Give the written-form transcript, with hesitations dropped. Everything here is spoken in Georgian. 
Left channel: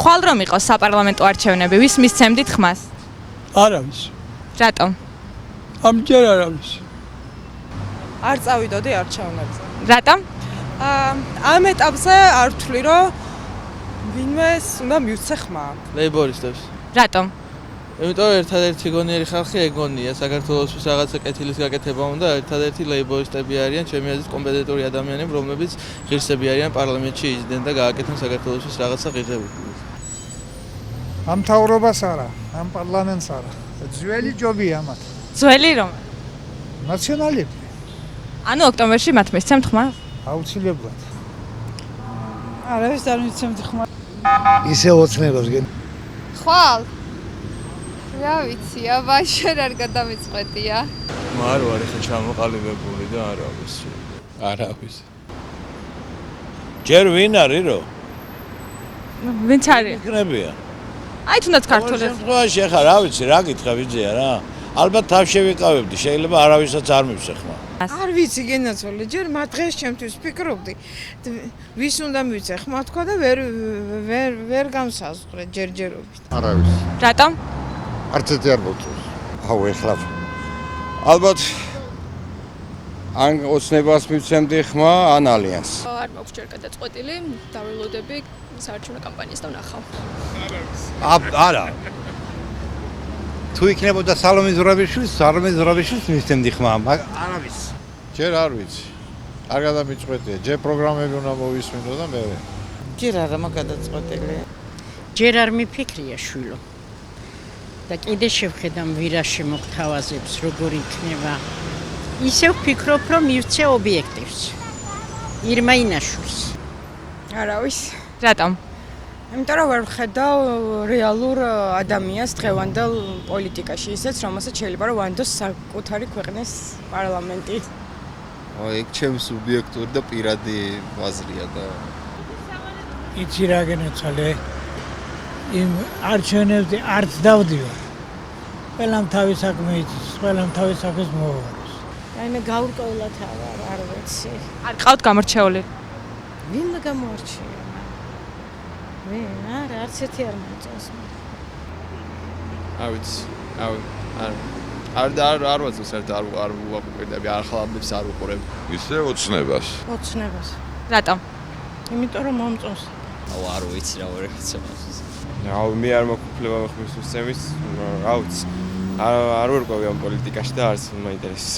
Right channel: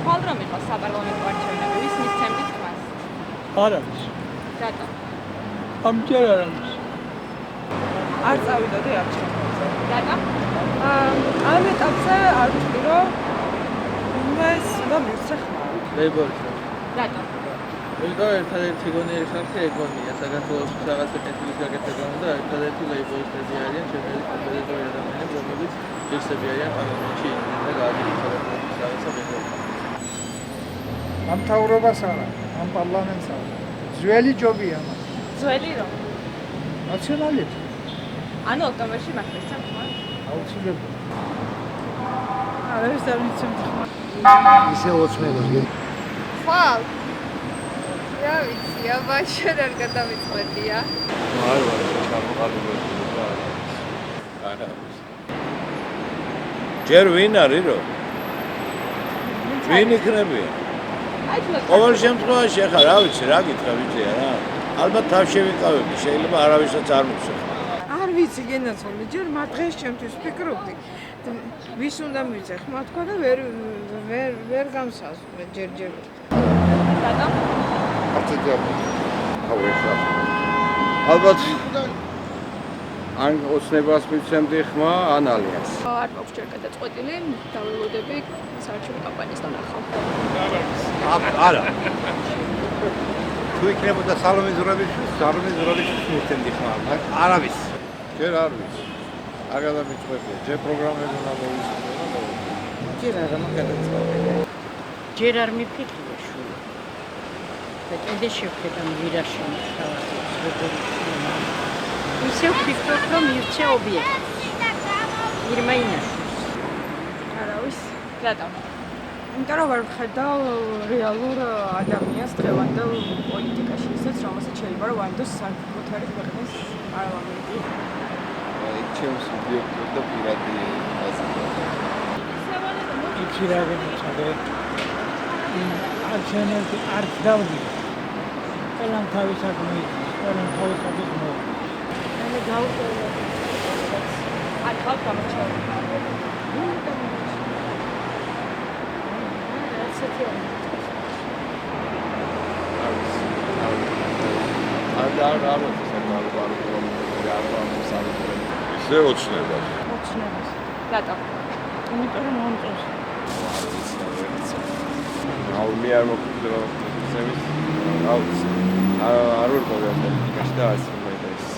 ხვალ რომ იყოს საპარლამენტო არჩევნები, ვის მისცემდით ხმას? არავის. რატომ? ამჯერ არავის. არ წავიდოდი არჩევნებზე. რატომ? ამ ეტაპზე არ ვთვლი, რომ ვინმეს უნდა მივცე ხმა. ლეიბორისტებს. რატომ? იმიტომ ერთადერთი გონიერი ხალხი ეგონია საქართველოს რაღაცა კეთილის გაკეთება უნდა ერთადერთი ლეიბორისტები არიან ჩემი აზრით კომპეტენტური ადამიანები რომლებიც ღირსები არიან პარლამენტში იჯდნენ და გააკეთეს საქართველოს რაღაცა ღირსები. ამ მთავრობას არა, ამ პარლამენტს არა. ძველი ჯობია მათ. ძველი რომ? ნაციონალები. ანუ ოქტომბერში მათ მისცემთ ხმა? აუცილებლად. არავის არ მიცემთ ხმა. ისე ოცნება გინ. ხვალ. რა ვიცი, აბა შენ არ გადამიწყვეტია. არ ვარ ისე ჩამოყალიბებული და არავის. არავის. ჯერ ვინ არის რო? ვინც ვინ არის? იქნებია? აი თუნდაც ყოველ ქართული. შემთხვევაში ახლა რა ვიცი, რა გითხრა ვიძია რა? ალბათ თავში ვიყავებდი, შეიძლება არავისაც არ მივსეხმა. არ ვიცი გენაცვალე, ჯერ მათ დღეს ჩემთვის ვფიქრობდი, ვის უნდა მივცე ხმა თქვა და ვერ გამსაზღვრე ჯერჯერობით. რატომ? არც ერთი არ მოგწონს. აუ ეხლა ალბათ ან ოცნებას მივცემდი ხმა, ან ალიანს. არ მაქვს ჯერ გადაწყვეტილი, დაველოდები საარჩევნო კამპანიას და ვნახავ. არა. თუ იქნებოდა სალომე ზურაბიშვილს მივცემდი ხმა, არავის. ჯერ არ ვიცი. არ გადავიწყვეტია, ჯერ პროგრამები უნდა მოვისმინო და მე. ჯერ არა მაგადაწყვეტილი. ჯერ არ მიფიქრია შვილო. და კიდე შევხედა ვირაში მოთავაზებს როგორ იქნება. ისე ვფიქრობ რომ მივცე ობიექტივს. ირმა ინაშვილს. არავის. რატომ? იმიტომ რომ ვერ ვხედავ რეალურ ადამიანს დღევანდელ პოლიტიკაში, ისეც რომელსაც შეიძლება რომ ვანდოს საკუთარი ქვეყნის პარლამენტი. ეგ ჩემს სუბიექტური და პირადი აზრია და იცი რა გენაცვალე. იმ არჩევნებზე არც დავდიო. ყველამ თავის საქმე იცის, ყველამ თავის საქმეს მოუღებს. მე გავუტოვოთ რაღაც. არ ყავთ გამორჩეული? ვინ გამორჩა? არა, არც ერთი არ მოწონს. არ ვიცი საერთოდ არ გაახლა არ უყურებ. ისე ოცნებას. ოცნებას. რატომ? იმიტომ რომ მომწონს. არ ვიცი რა ვერ ხცევ. აუ მე არ მოგვიყვება ხმის სემის. აუც არ ვარ პოლიტიკაში და არც მაინტერესებს.